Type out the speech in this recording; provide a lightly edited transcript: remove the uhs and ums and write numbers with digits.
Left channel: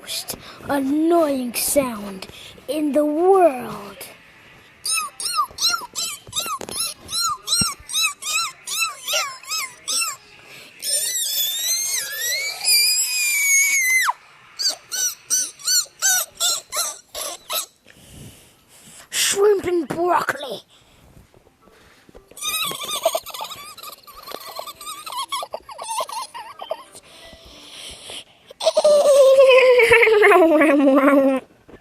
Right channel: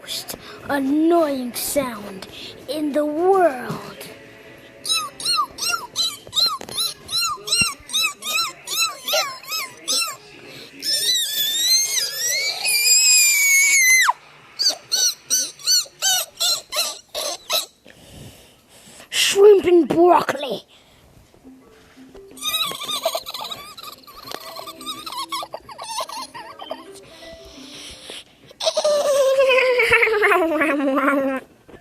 most annoying sound in the world. Shrimp and broccoli